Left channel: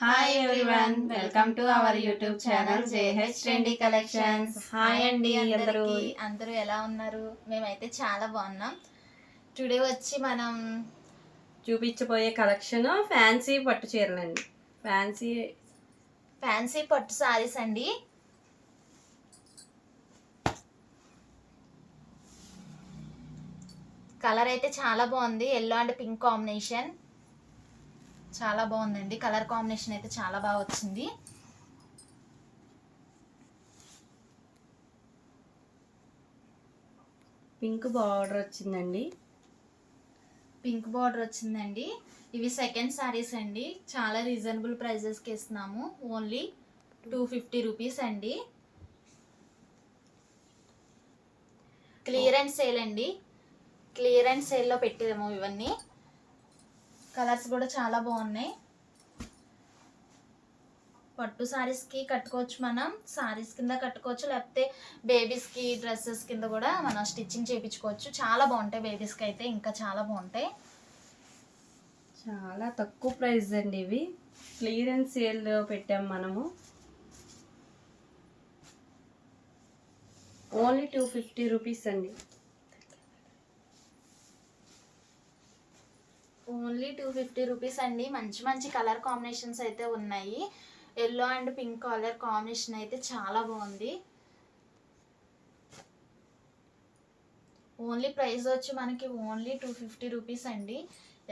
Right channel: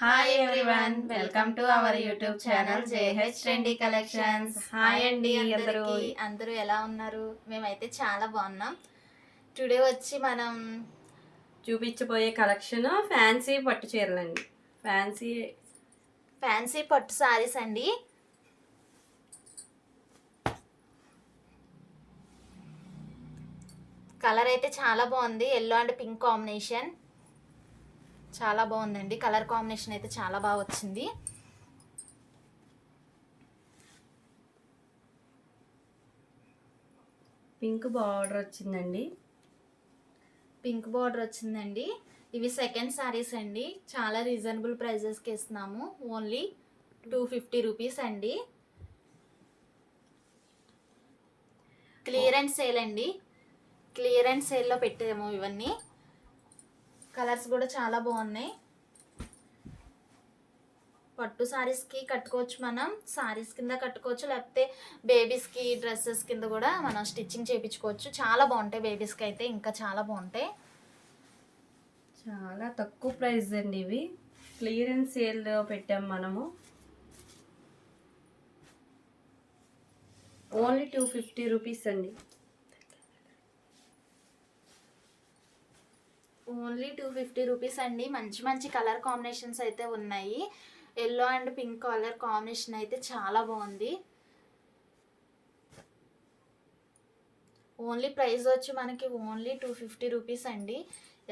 Hi everyone, welcome to our YouTube channel JH trendy collections. Hi అండి అందరూ ఎలా ఉన్నారు? మేమైతే చాలా బాగున్నాం. టుడే వచ్చి మనం చూపించబోయే కలెక్షన్ ఫ్యాన్సీ పట్టు చీరలండి. ఫ్యాన్సీ పట్టు సారీస్ అండి. కలర్ అయితే చాలా బాగుంది, ఎల్లో అండ్ పింక్ కాంబినేషన్. చాలా బాగుందండి, కలర్ కాంబినేషన్ అయితే చాలా బాగా వచ్చింది. పింక్ బార్డర్ వచ్చిందండి. ఇవి సెకండ్ సారీస్ అండి. చాలా రీజనబుల్ ప్రైజెస్కి ఇస్తున్నాము. ఓన్లీ 250 రూపీస్ అండి. క్లియరెన్స్ సేల్ అండి. క్లియరెన్స్ సేల్లో పెట్టాము ఇవన్నీ. కలర్స్ కూడా చాలా బాగున్నాయి. పట్టు సారీస్కి కట్టుకోవచ్చు, మనం సారీస్ కింద కట్టుకోవచ్చు, లేకపోతే బేబీస్కి డ్రెస్సెస్ కింద కూడా మనం స్టిచ్చింగ్ చేయించుకోవచ్చు. చాలా బాగుంటాయి, బేబీస్కి అయితే ఇంకా చాలా బాగుంటాయి. చాలా తక్కువ ప్రైస్ అండి. ఇవి క్లియరెన్స్ సేల్లో పెట్టాం మనము. ఓన్లీ 250 రూపీస్ అండి. ఓన్లీ 250 రూపీస్ అండి. మంచి మంచి కలర్ కాంబినేషన్స్ అయితే ఉన్నాయి. Yellow and pink colour combination అయితే చాలా బాగుంది. ఓన్లీ ప్రైస్ వచ్చి మనకి ఓన్లీ 250 రూపీస్ అండి.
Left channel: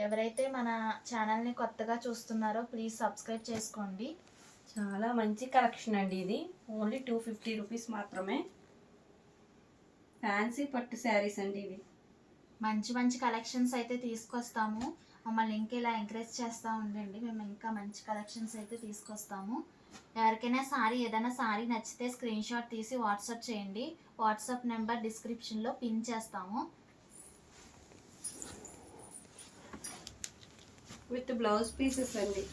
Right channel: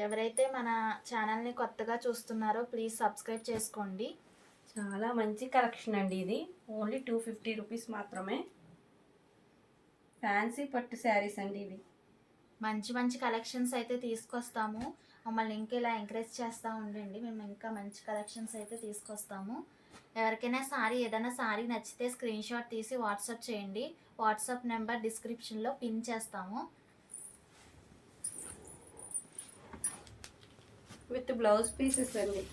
ఎవరైతే మన ఛానల్ని కొత్తగా చూస్తున్నారో ప్లీజ్ సబ్స్క్రైబ్ చేసుకోండి. చాలా మంచి కలెక్షన్ అండి. ఇది ఓన్లీ 250 రూపీస్ మాత్రమే. ఫ్యాన్సీ పట్టు శారీస్ అండి. ఇవి మంచి మంచి కలెక్షన్స్ అయితే తీసుకొస్తాము. మమ్మల్ని ఇంకా ఇలా ఎంకరేజ్ చేస్తూ ఉండండి. మేము ఇంకా మంచి కలెక్షన్స్ అయితే తీసుకొస్తాము. ఎవరికైనా ఏదైనా సారీ నచ్చితే స్క్రీన్ షాట్ తీసి వాట్సాప్ చేయండి. వాట్సాప్ నెంబర్ డిస్క్రిప్షన్లో పిన్ చేస్తాము. విత్ బ్లౌజ్ పీసెస్ అండి.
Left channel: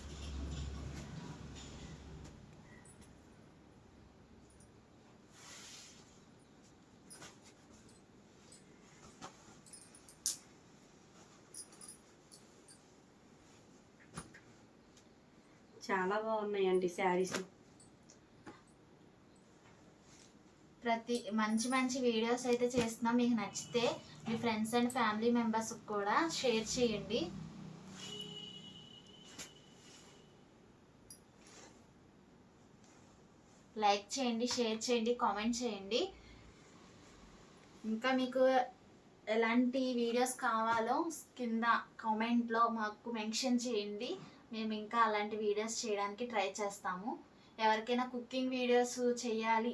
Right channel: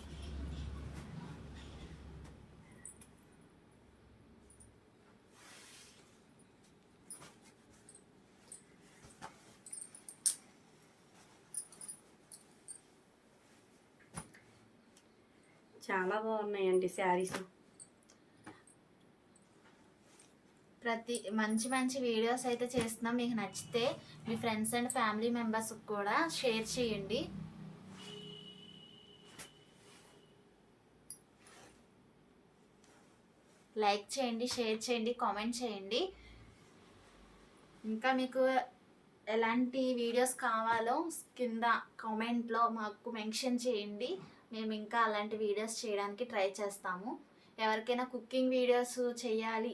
చాలా బాగున్నాయండి శారీస్. మంచి మంచి వీడియోస్ అయితే చేస్తున్నాం. మీకు నచ్చితే మీ ఫ్రెండ్స్ అండ్ ఫ్యామిలీ మెంబర్స్కి కూడా షేర్ చేయండి. లైక్ చేయండి, షేర్ చేయండి, కామెంట్ చేయండి. ఇంకా మీకు ఎలాంటి వీడియోస్ కావాలో కింద కామెంట్లో మాకు మెన్షన్ చేయండి. మేము ఇంకా అలాంటి వీడియోస్ చేయడానికి ట్రై చేస్తాము. ఎవరికైనా కుకింగ్ వీడియోస్ చేయాలి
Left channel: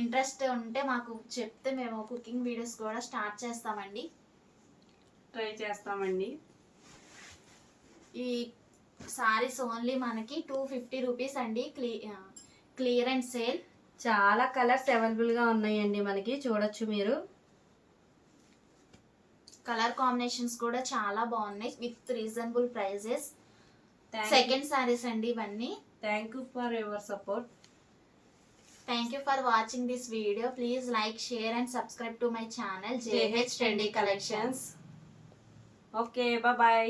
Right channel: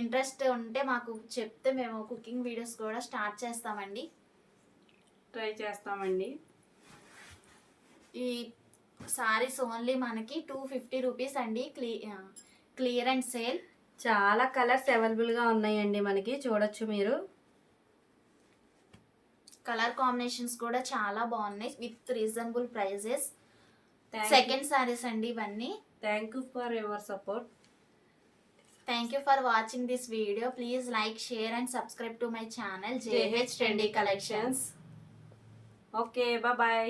ఇంట్రెస్ట్ ఉంటే మాకు చెప్తే మేము కుకింగ్ వీడియోస్ కూడా స్టార్ట్ చేస్తామండి. ట్రై చేస్తామండి. ఈ సారీస్ ఓన్లీ మనకి 250 రూపీస్ అండి. Clearance sale. చాలా కలర్స్ అవైలబుల్గా ఉన్నాయండి మనకి, చూడొచ్చు మీరు. కలర్ కాంబినేషన్స్ కూడా చాలా బాగున్నాయి with reasonable prices. Second saris అండి ఇవన్నీ. Thank you for your support. Thank you for watching this video. Please like, share and subscribe to my channel JH Trendy Collections. Okay, bye bye.